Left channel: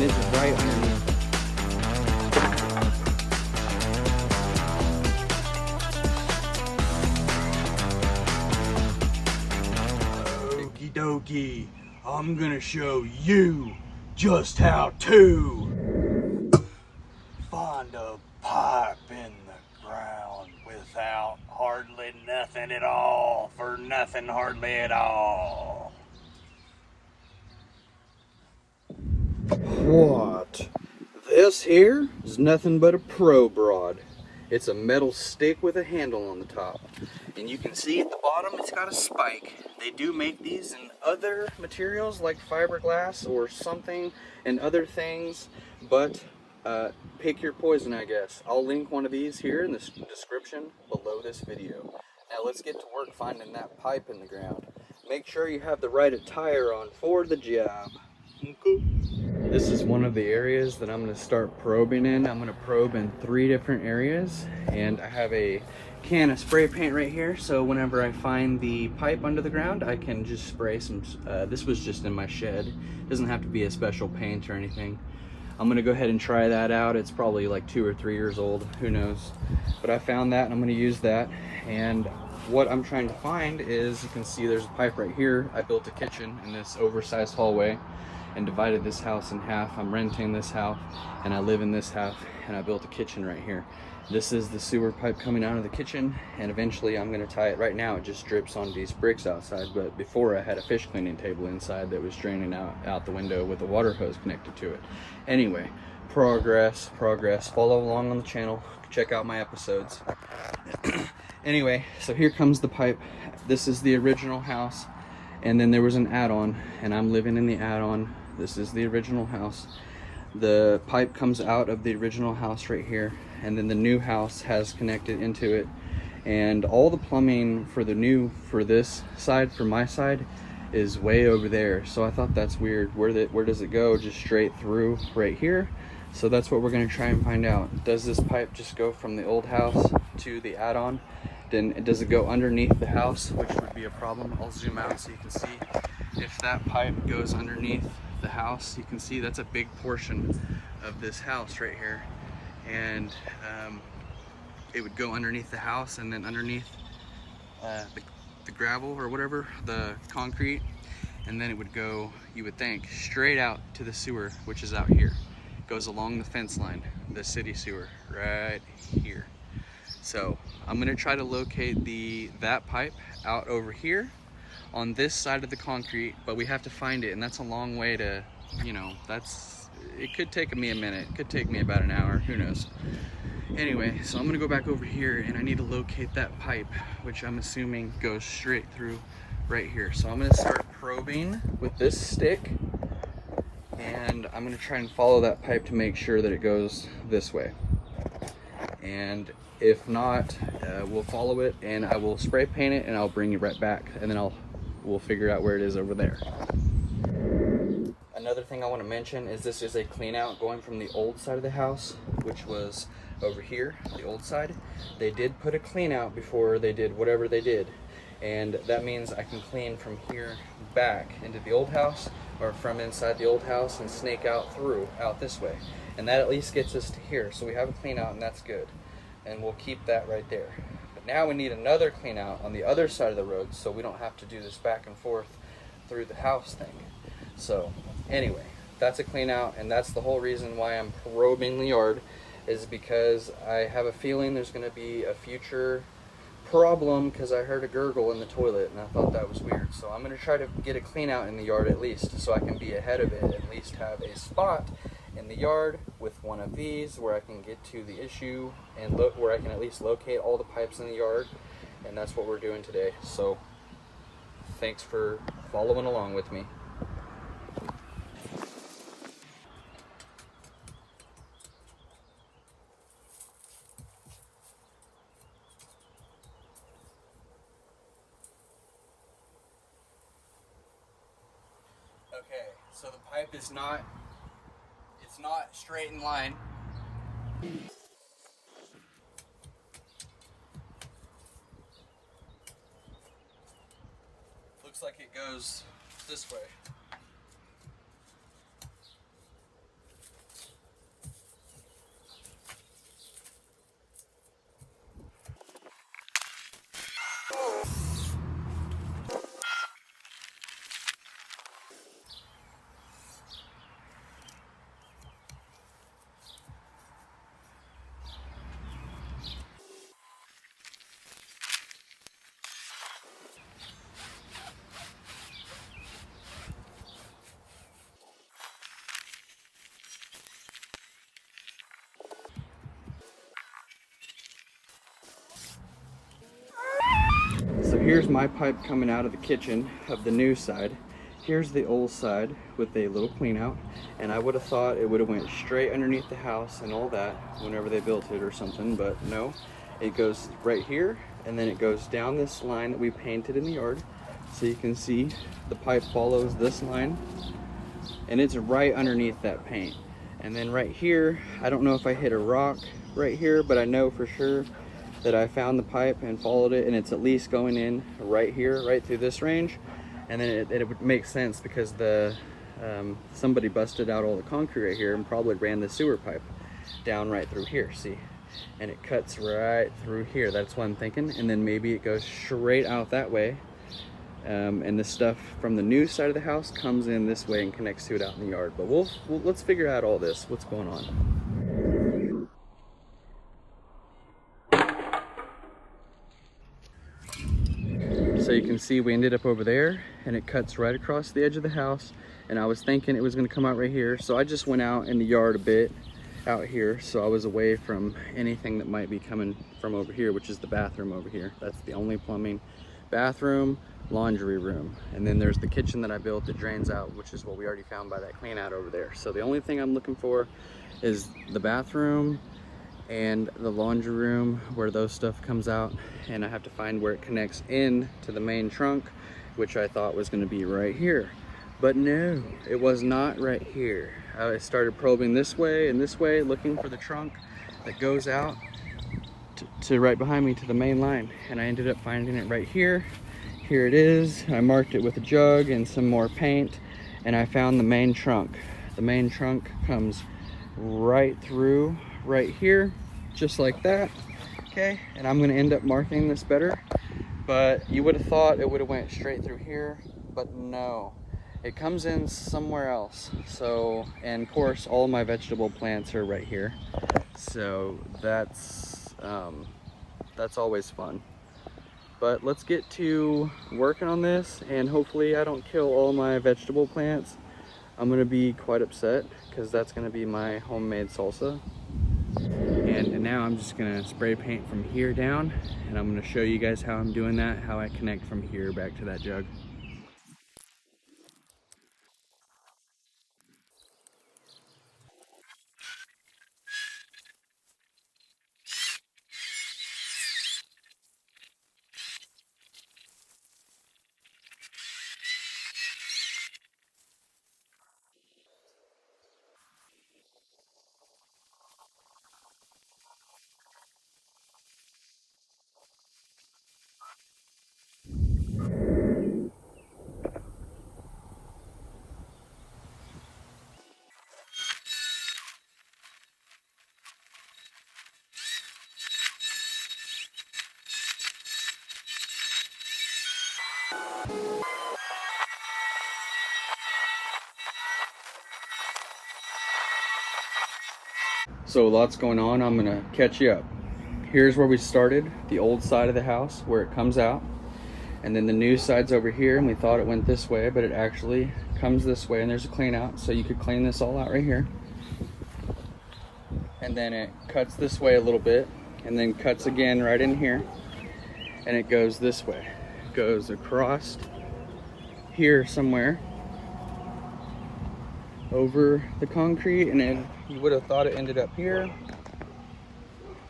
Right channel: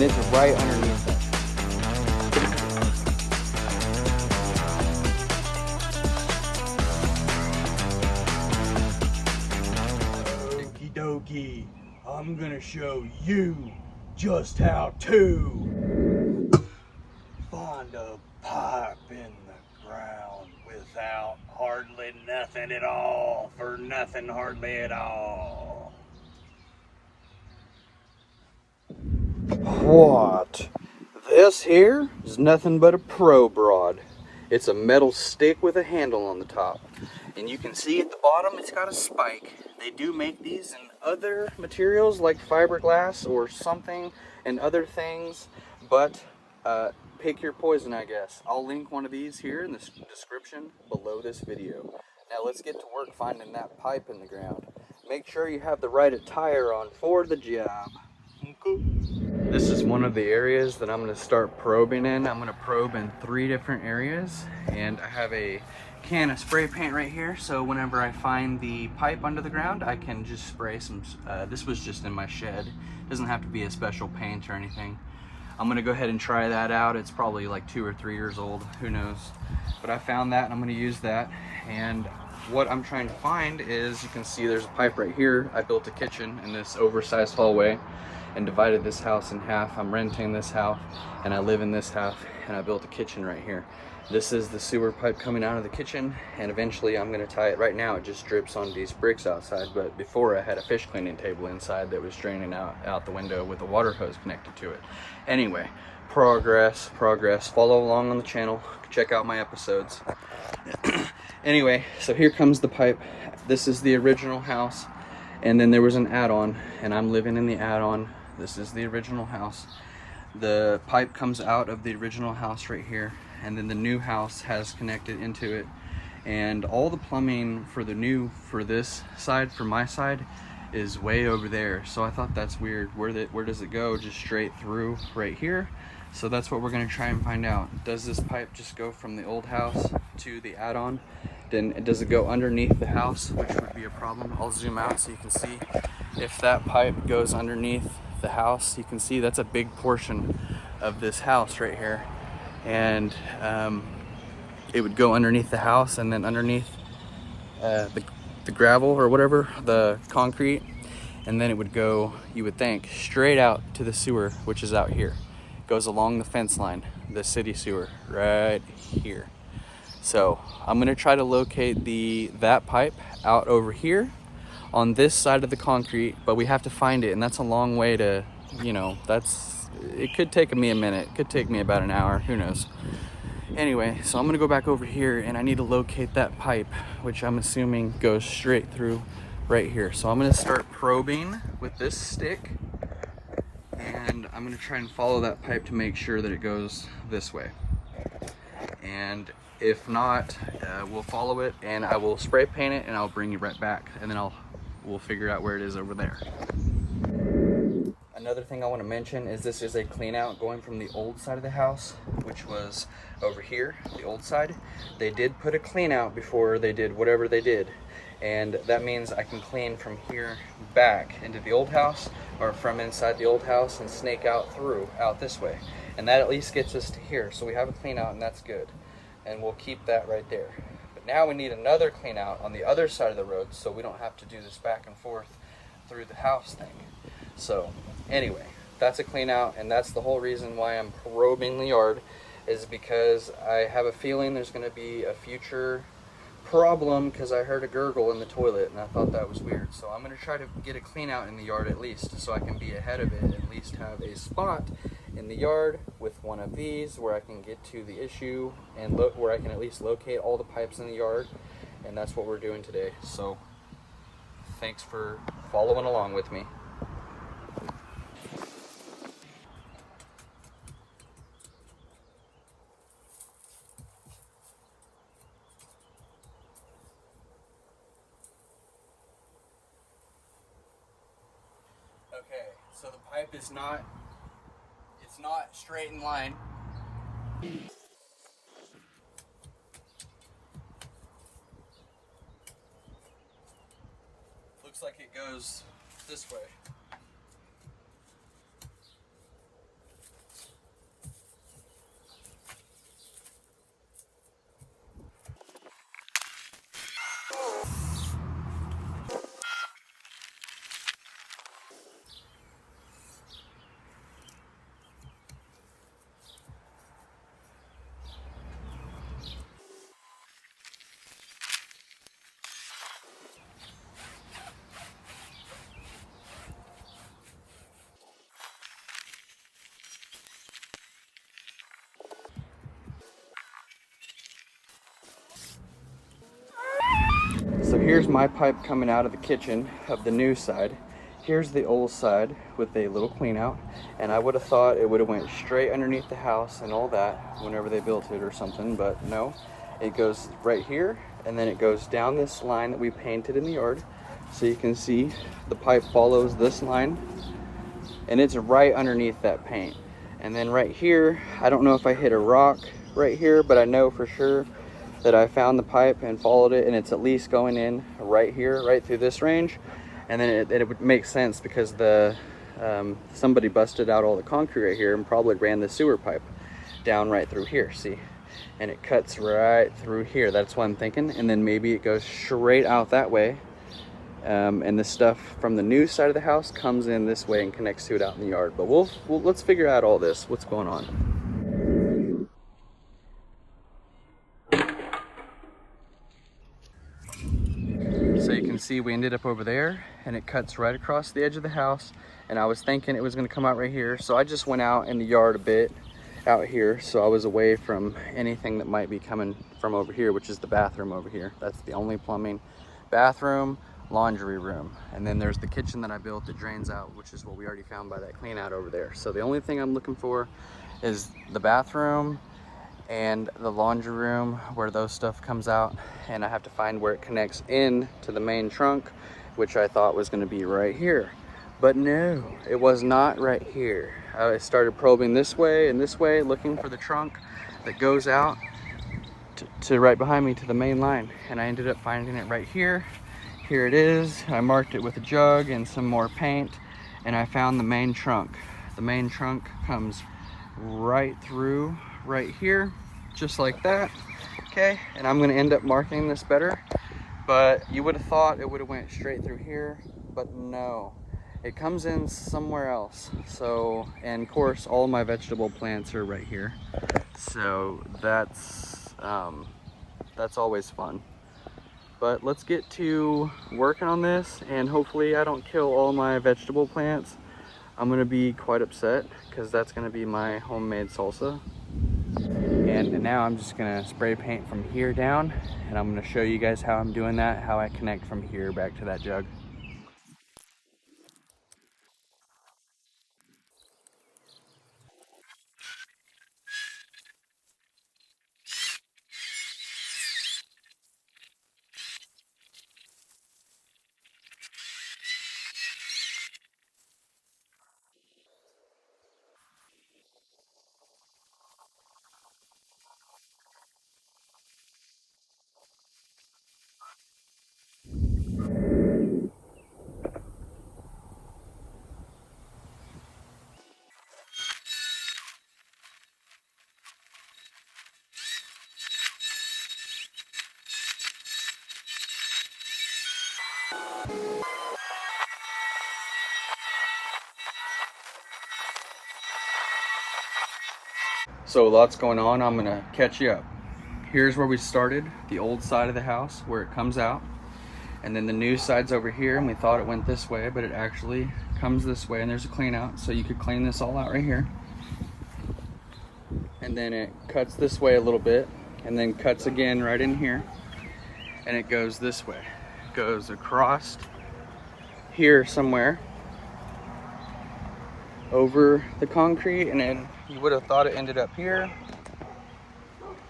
and it's right underneath it. Okie dokie, I'm gonna show you just how to find a pipe in the ground without hardly nothing at all, for nothing hardly at all. What? This here is nothing but a probe rod. It's a metal stick with a handle on the top. And you can see at the bottom it's got a spike. They do make these in other materials like fiberglass or something and other things, but pick your poison, I guess. I'll link one of these here in the description below this video. Now let's get to work finding that pipe in the ground. Make sure you have the right attire on for the job. This is one of the areas that I'm going to start probing in. I'm going to probe in 3 different areas, and I have a can of spray paint right here, so whenever I find the pipe under the ground I can just spray some. This was just in my shed. It doesn't have to be a special paint or anything. I'm going to go ahead and try that out. It's probably like 2 or 3 years old, who knows, but I found that and I'm going to use that. And what I'm trying to find is, you can see there's a pipe right here. I built a kitchen in this oversized hallway and divided this house in half. I'm renting this house and I live in this half, and I built a kitchen right here. This is the sewer pipe coming out of the kitchen, and eventually I'm going to tie it. Right now it just drips on these bricks outside, but before I had a fish cleaning table inside that was draining out the window with a water hose connected to it. Anyway, progress. Follow along on the channel, check out my episodes. Anyway, so here comes the pipe. This is the original house, and then there was an add-on, and I'm living in the add-on. This is the original house. The pipe comes out of the original house right here, and then the new house has connected into it, and all the plumbing for this side, for my side, is way over there. So I thought that's weird. Where does it go? Just straight through right here? So that's what we're going to try and find out. Does this pipe just go from the old house to the add-on? Then does it go underneath the house, which would be a problem. I'll zoom out so you can see. If that pipe goes underneath the house, you can see that's a big portion of this house right here, and it would go underneath the house, and then underneath the gravel or whatever, the concrete, and then it would go, you would think, straight out to the sewer, which is out here. It goes along the fence line, the city sewer right here. So I'm gonna try to locate that pipe out over here on this side of the concrete, but we have to find it, and that's a long way to, it could take me a minute, it could take me about an hour, who knows. Anyway, so I'm gonna go back over here, and I need to locate that pipe, which I'm assuming goes straight through right here. So I'm gonna start probing with this stick, and I'm gonna try and follow that pipe to make sure that it goes this way. And if not, we'll follow it, and I will spray paint it, and I'll bring it right back, and then we'll figure out where it is over there. Another thing I want to mention is this is a clean out going from the old side of the house, which was over here, the old side. They did put a clean out before they did whatever they did, and that means I can clean from here back into the old house, or from inside the old house and snake out this way, and that at least gets us to here. So we have a clean out, and that's good, and we'll keep that right there. But now we need another clean out on the other side of the road, so we don't have to do this back and forth through the house thing. So anyway, that's a clean out, and that's the whole reason why I'm probing the yard, is because I have a feeling there's going to be a future problem, because I heard a gurgle in the toilet and I thought that was weird. So I'm going to try to get a clean out in the yard at least, so I can be ahead of it, at least have a spot in the yard with one of these where I can get to the issue, and where I can at least locate all the pipes in the yard. And that's what we're doing today. So thanks for following along with me. Okay, so the pipe is not straight in line. Looks like it goes this way. here's my pipe coming out of the kitchen of the new side. Here's the old side with a little clean out, and I would have thought it would have went straight underneath the house and all that whenever they built it or something, but no, it goes right here, and then it goes down this line that we painted in the yard. So you can see the pipe follows this line, and it's right underneath that paint. And then right here, I don't know if I hit a rock right here, but I know for sure that I found the pipe and followed it, and it's at least going in right here, right through this range. And then it would make sense because the somebody busted out all the concrete right here and probably ran the sewer pipe down right through here, see? And it cuts right through here. That's what I'm thinking. And then maybe it goes straight out that way. And the stuff from the new side of the house comes in this way and connects to it out in the yard. But let's figure out all this, what's going on. So you can see we ended up over there, and it cuts right across the edge of the house, and I was thinking it was going to come out right here, so I just went out in the yard a bit out here, so I was away from anything that might be coming from over here, which is the bathroom over here. That's the only plumbing. Bathroom, laundry room, and then there's the kitchen that I built that drains out, which is what we already found by that clean out over there. So the only thing I'm looking for is the bathroom and the laundry room where those stuff comes out, and I have to find where it connects in to the main trunk, which I thought was going to be right here, but no, it was not right here. I started probing this way and this way, looking for the trunk that goes out to right behind me to the main line, and I ended up finding it right here. Here it is. I marked it with a jug and some more paint, and I found the main trunk. The main trunk comes right through right here, just like that. Okay, and I'm going to end up marking this better, but you would have thought it would have went straight through here, but no, it comes in somewhere else. So, and of course all my vegetable plants are right here, so that's always fun. But let's get to working on this, and hopefully I don't kill all my vegetable plants. I'm going to be quite upset because that's going to be my homemade salsa. And now I'm just gonna spray paint from here down, and I'm gonna show you guys how I'm doing that, how I connect from here back to that jug. So lots going on, I'm gonna catch you up. Here's where we started, the old side of the house where it comes out, and then the new side's over here, and we thought it went this way, but it actually comes this way, and there's a clean out, so you could clean this all out right here. And then it cuts this way a little bit, and then cuts again right in here, and it goes this way. It goes across here somewhere over the concrete, and then you would have thought it ended up here,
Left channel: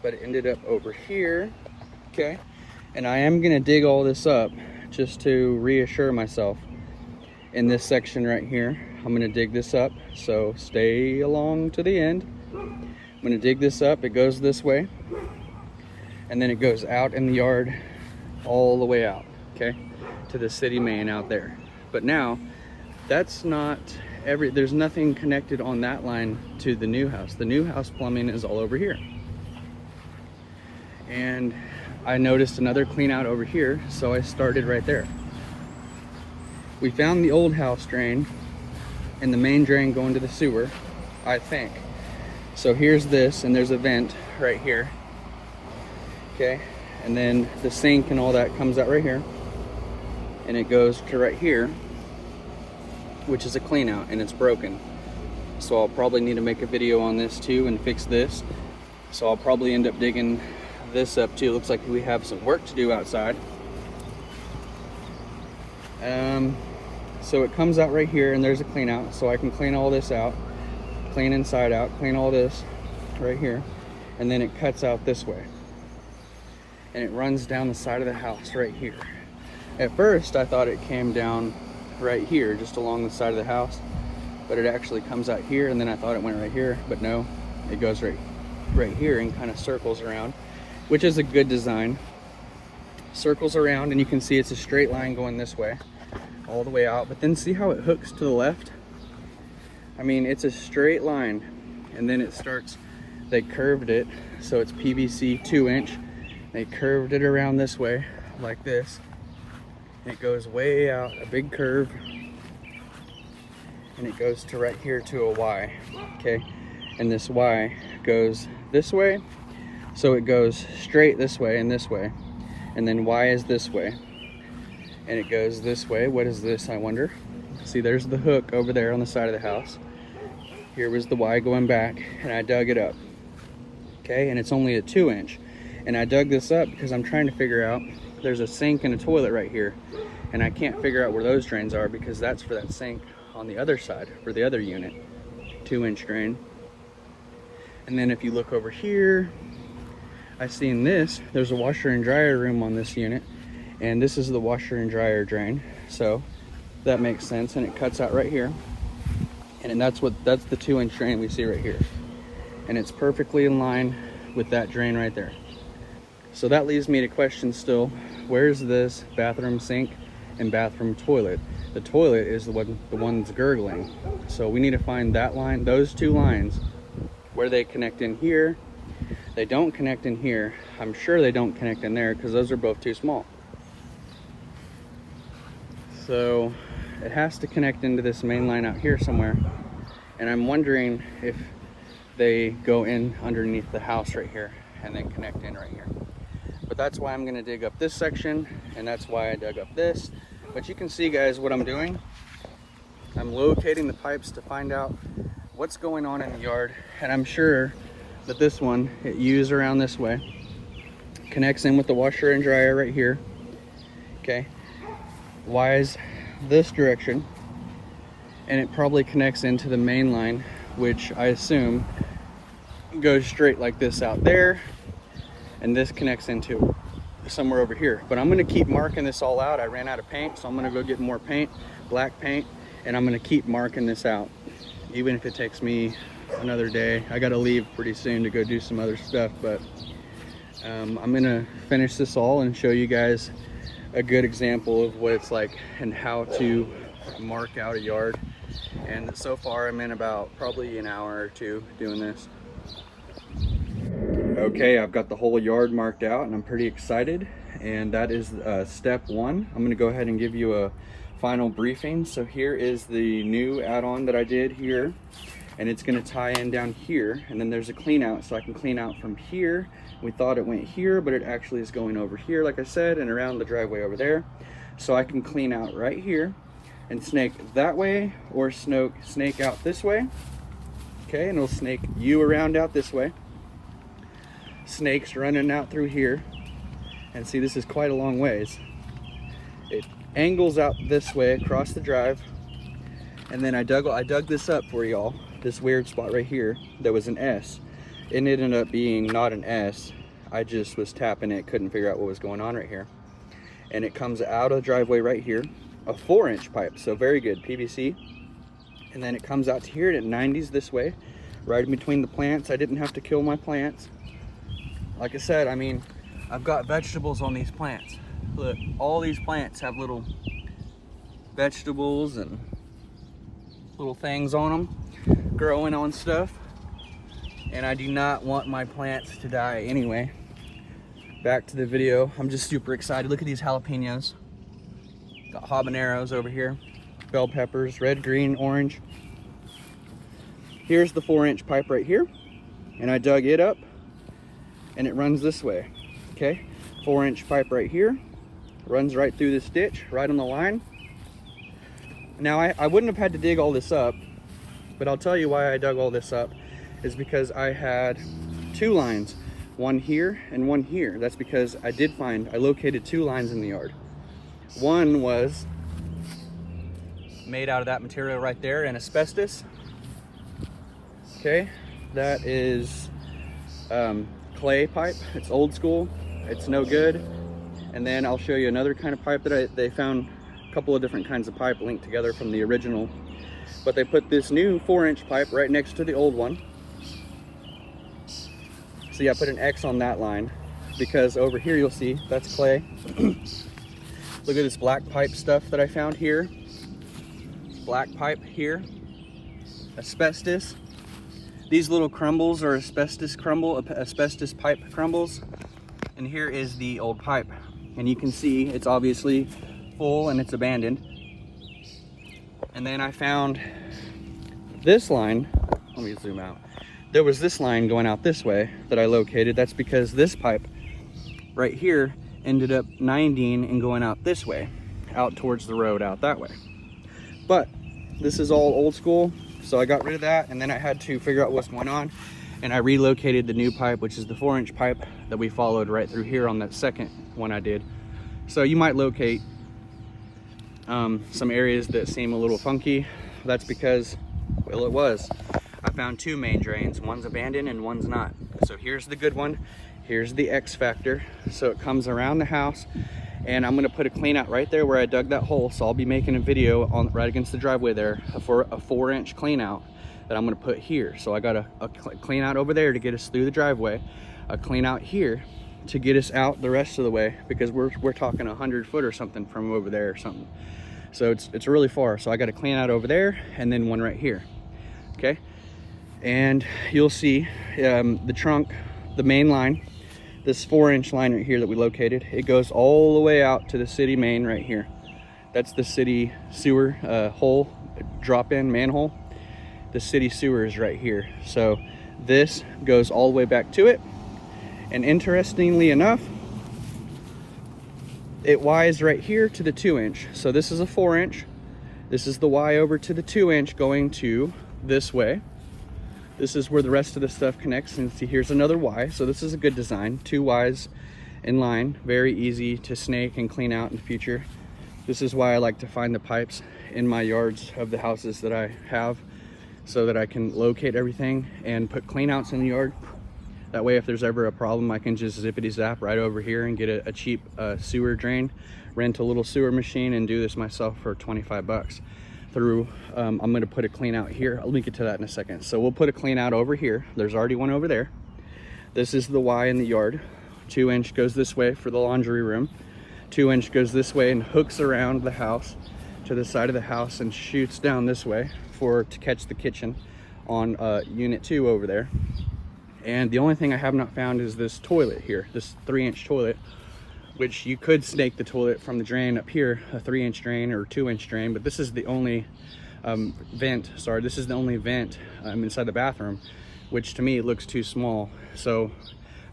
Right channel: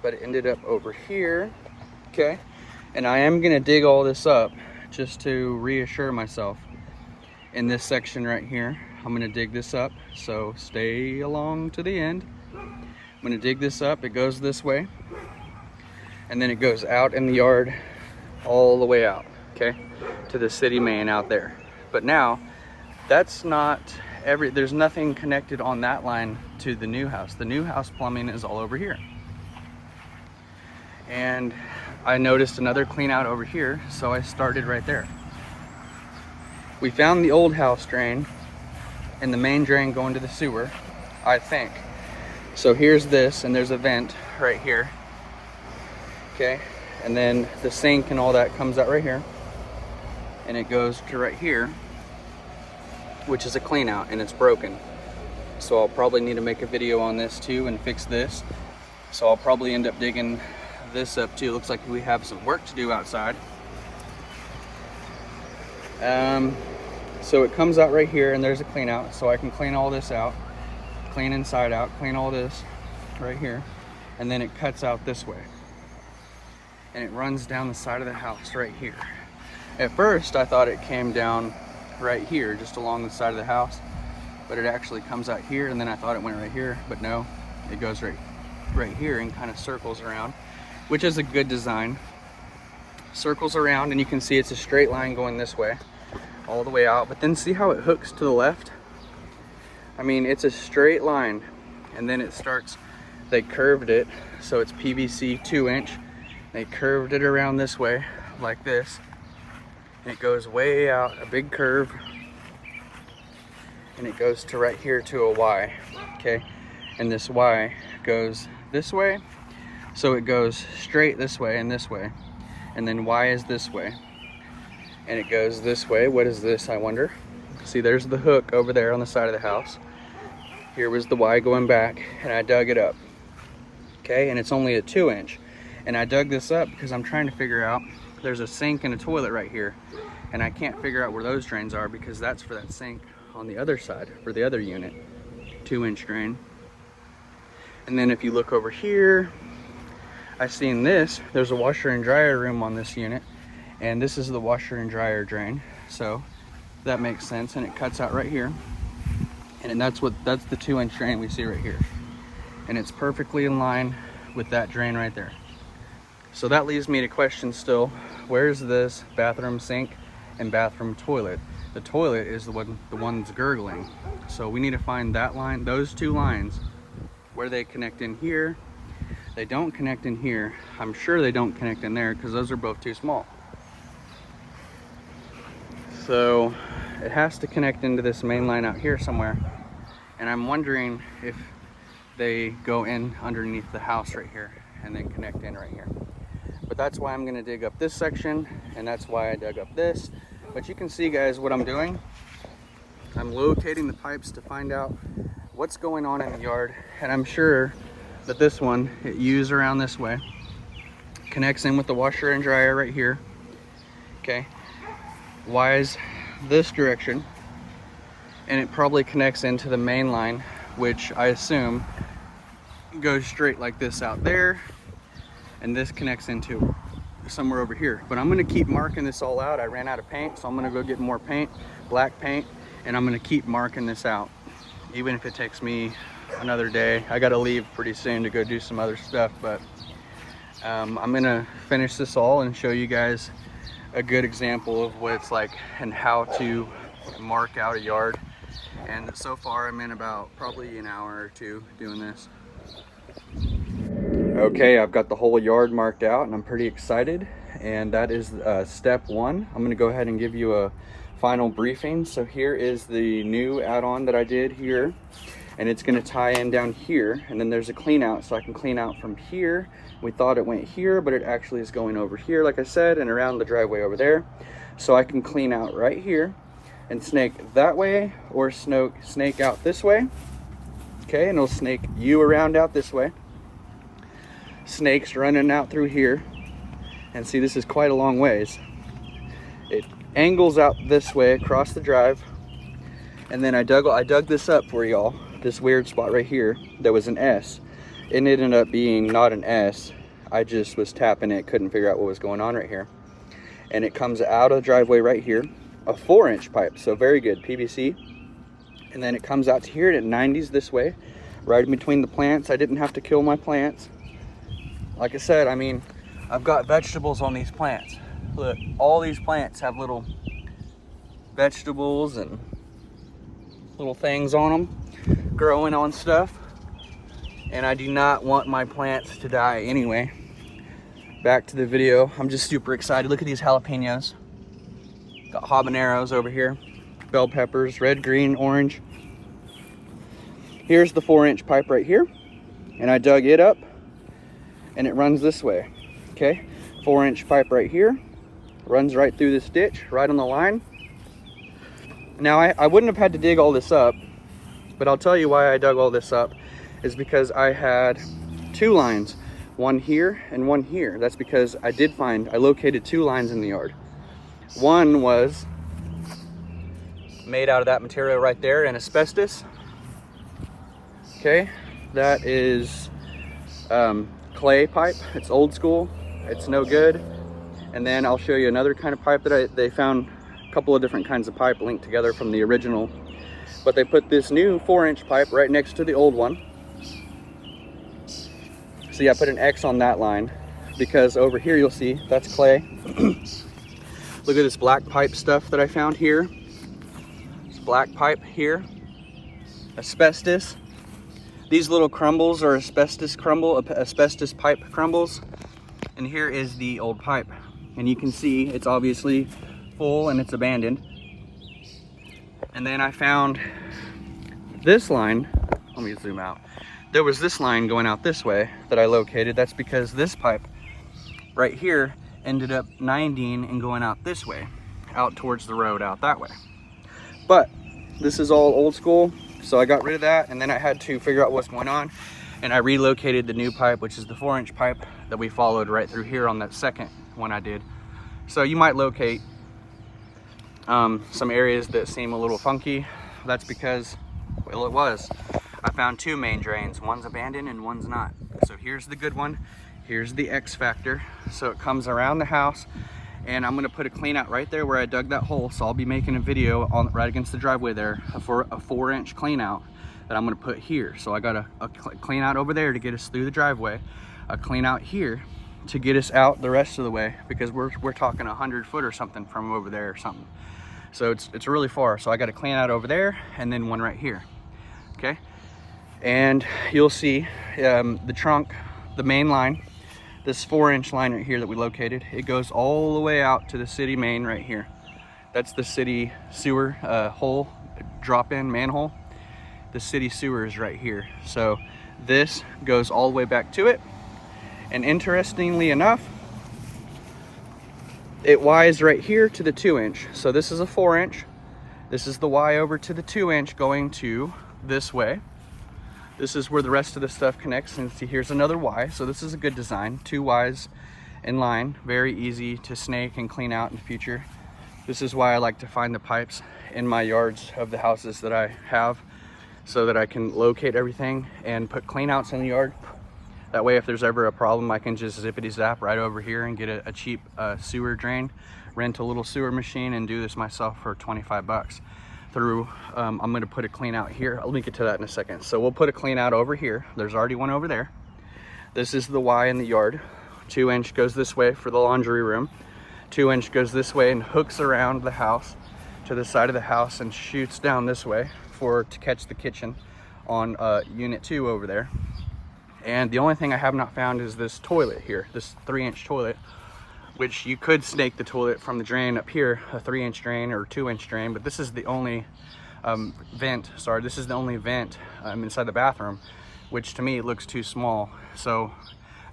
but it ended up over here. Okay, and I am gonna dig all this up just to reassure myself. In this section right here, I'm gonna dig this up, so stay along to the end. I'm gonna dig this up. It goes this way, and then it goes out in the yard all the way out, okay, to the city main out there. But now that's not there's nothing connected on that line to the new house. The new house plumbing is all over here. And I noticed another clean out over here, so I started right there. We found the old house drain and the main drain going to the sewer, I think. So here's this, and there's a vent right here. Okay, and then the sink and all that comes out right here, and it goes to right here, which is a clean out, and it's broken. So I'll probably need to make a video on this too and fix this. So I'll probably end up digging this up too. It looks like we have some work to do outside. So it comes out right here, and there's a clean out, so I can clean all this out, clean inside out, clean all this right here, and then it cuts out this way, and it runs down the side of the house right here. At first I thought it came down right here, just along the side of the house, but it actually comes out here, and then I thought it went right here, but no, it goes right here and kind of circles around, which is a good design. Circles around, and you can see it's a straight line going this way all the way out, but then see how it hooks to the left? I mean, it's a straight line, and then it starts, they curved it, so it's PVC 2-inch. They curved it around this way like this. It goes way out, a big curve, and it goes to right here to a Y, okay? And this Y goes this way, so it goes straight this way and this way, and then Y is this way, and it goes this way. What is this, I wonder? See, there's the hook over there on the side of the house. Here was the Y going back, and I dug it up, okay? And it's only a 2-inch, and I dug this up because I'm trying to figure out, there's a sink and a toilet right here, and I can't figure out where those drains are because that's for that sink on the other side, for the other unit, 2-inch drain. And then if you look over here, I seen this, there's a washer and dryer room on this unit, and this is the washer and dryer drain, so that makes sense, and it cuts out right here, and that's the 2-inch drain we see right here, and it's perfectly in line with that drain right there. So that leaves me to question still, where's this bathroom sink and bathroom toilet? The toilet is the one that's gurgling, so we need to find that line, those two lines, where they connect in here. They don't connect in here. I'm sure they don't connect in there because those are both too small. So it has to connect into this main line out here somewhere, and I'm wondering if they go in underneath the house right here and then connect in right here. But that's why I'm going to dig up this section, and that's why I dug up this. But you can see, guys, what I'm doing. I'm locating the pipes to find out what's going on in the yard, and I'm sure that this one, it U's around this way, connects in with the washer and dryer right here, okay? Y's this direction, and it probably connects into the main line, which I assume goes straight like this out there, and this connects into somewhere over here. But I'm gonna keep marking this all out. I ran out of paint, so I'm gonna go get more paint, black paint, and I'm gonna keep marking this out, even if it takes me another day. I gotta leave pretty soon to go do some other stuff, but I'm gonna finish this all and show you guys a good example of what it's like and how to mark out a yard. And so far I'm in about probably an hour or two doing this. Okay, I've got the whole yard marked out and I'm pretty excited, and that is step one. I'm gonna go ahead and give you a final briefing. So here is the new add-on that I did here, and it's gonna tie in down here, and then there's a clean out, so I can clean out from here. We thought it went here, but it actually is going over here, like I said, and around the driveway over there. So I can clean out right here and snake that way, or snake out this way. Okay, and it'll snake you around out this way. Snakes running out through here, and see, this is quite a long ways. It angles out this way across the drive, and then I dug this up for y'all, this weird spot right here. There was an S. It ended up being not an S. I just was tapping it, couldn't figure out what was going on right here. And it comes out of the driveway right here, a 4-inch pipe, so very good, PVC. And then it comes out to here and it 90s this way, right in between the plants. I didn't have to kill my plants. Like I said, I mean, I've got vegetables on these plants. Look, all these plants have little vegetables and little things on them, growing on stuff. And I do not want my plants to die anyway. Back to the video. I'm just super excited. Look at these jalapenos. Got habaneros over here, bell peppers, red, green, orange. Here's the 4-inch pipe right here, and I dug it up, and it runs this way. Okay, 4-inch pipe right here, runs right through this ditch, right on the line. Now I wouldn't have had to dig all this up, but I'll tell you why I dug all this up is because I had 2 lines, one here and one here. That's because I located 2 lines in the yard. One was made out of that material right there, and asbestos. Okay, that is clay pipe. It's old school, it's no good. And then I'll show you another kind of pipe that they found a couple of different kinds of pipe linked together from the original, but they put this new 4-inch pipe right next to the old one. So yeah, I put an X on that line because over here you'll see that's clay. Look at this black pipe stuff that I found here. It's black pipe here, asbestos. These little crumbles are asbestos pipe crumbles. And here is the old pipe. And you can see it's obviously full and it's abandoned. And then I found this line. Let me zoom out. There was this line going out this way that I located. That's because this pipe right here ended up 90ing and going out this way, out towards the road out that way. But this is all old school, so I got rid of that, and then I had to figure out what's going on, and I relocated the new pipe, which is the 4-inch pipe that we followed right through here on that second one I did. So you might locate some areas that seem a little funky. That's because, well, it was. I found 2 main drains. One's abandoned and one's not. So here's the good one. Here's the X factor. So it comes around the house, and I'm gonna put a clean out right there where I dug that hole. So I'll be making a video on right against the driveway there for a 4-inch clean out that I'm gonna put here. So I got a clean out over there to get us through the driveway, a clean out here to get us out the rest of the way, because we're talking 100 foot or something from over there or something. So it's really far. So I got a clean out over there and then one right here. Okay. And you'll see the trunk, the main line, this 4-inch line right here that we located, it goes all the way out to the city main right here. That's the city sewer hole, drop-in manhole. The city sewer is right here. So this goes all the way back to it. And interestingly enough, it Ys right here to the 2-inch. So this is a 4-inch. This is the Y over to the 2-inch going to this way. This is where the rest of the stuff connects, and see here's another Y. So this is a good design, 2 Ys in line, very easy to snake and clean out in the future. This is why I like to find the pipes in my yards of the houses that I have, so that I can locate everything and put clean outs in the yard. That way if there's ever a problem, I can just zippity zap right over here and get a cheap sewer drain, rent a little sewer machine and do this myself for 25 bucks. Through, I'm gonna put a clean out here. I'll link it to that in a second. So we'll put a clean out over here. There's already one over there. This is the Y in the yard. 2-inch goes this way for the laundry room. 2-inch goes this way and hooks around the house to the side of the house and shoots down this way to catch the kitchen on unit 2 over there. And the only thing I have not found is this toilet here, this 3-inch toilet, which you could snake the toilet from the drain up here, a 3-inch drain or 2-inch drain, but this is the only this is the only vent inside the bathroom, which to me it looks too small. So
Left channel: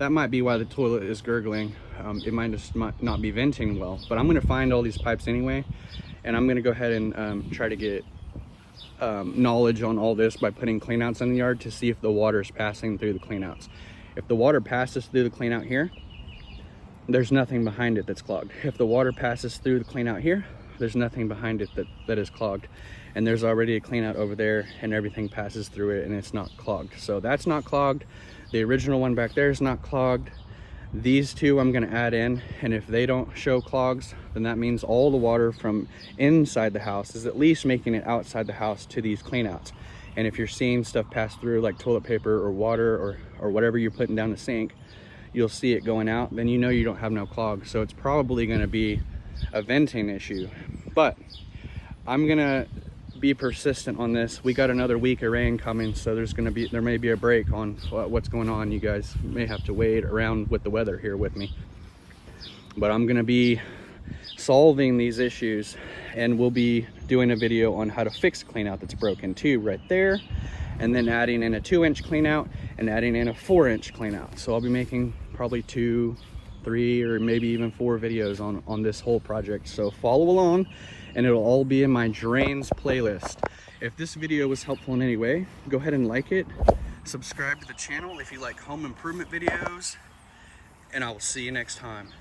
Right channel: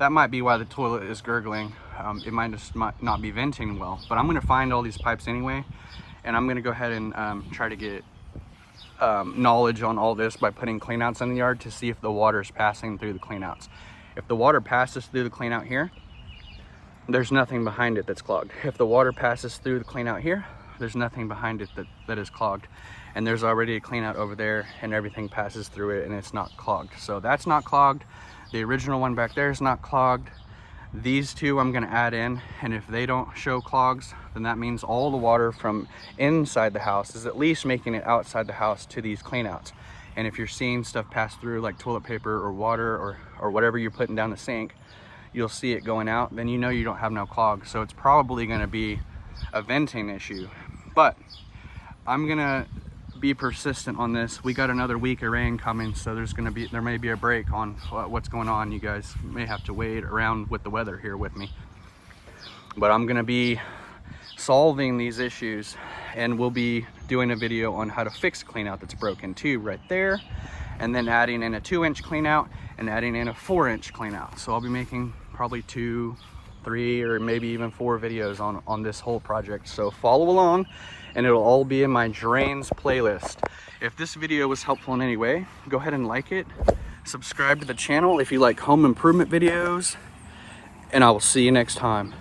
that might be why the toilet is gurgling. It might just not be venting well, but I'm gonna find all these pipes anyway, and I'm gonna go ahead and try to get knowledge on all this by putting cleanouts in the yard to see if the water is passing through the cleanouts. If the water passes through the cleanout here, there's nothing behind it that's clogged. If the water passes through the cleanout here, there's nothing behind it that is clogged. And there's already a cleanout over there and everything passes through it and it's not clogged. So that's not clogged. The original one back there is not clogged. These 2 I'm gonna add in, and if they don't show clogs, then that means all the water from inside the house is at least making it outside the house to these cleanouts. And if you're seeing stuff pass through like toilet paper or water or whatever you're putting down the sink, you'll see it going out, then you know you don't have no clog. So it's probably gonna be a venting issue. But I'm gonna be persistent on this. We got another week of rain coming, so there may be a break on what's going on. You guys may have to wait around with the weather here with me. But I'm gonna be solving these issues, and we'll be doing a video on how to fix cleanout that's broken too right there, and then adding in a 2-inch cleanout and adding in a 4-inch cleanout. So I'll be making probably 2, 3, or maybe even 4 videos on this whole project. So follow along, and it'll all be in my drains playlist. If this video was helpful in any way, go ahead and like it, subscribe to the channel if you like home improvement videos, and I will see you next time.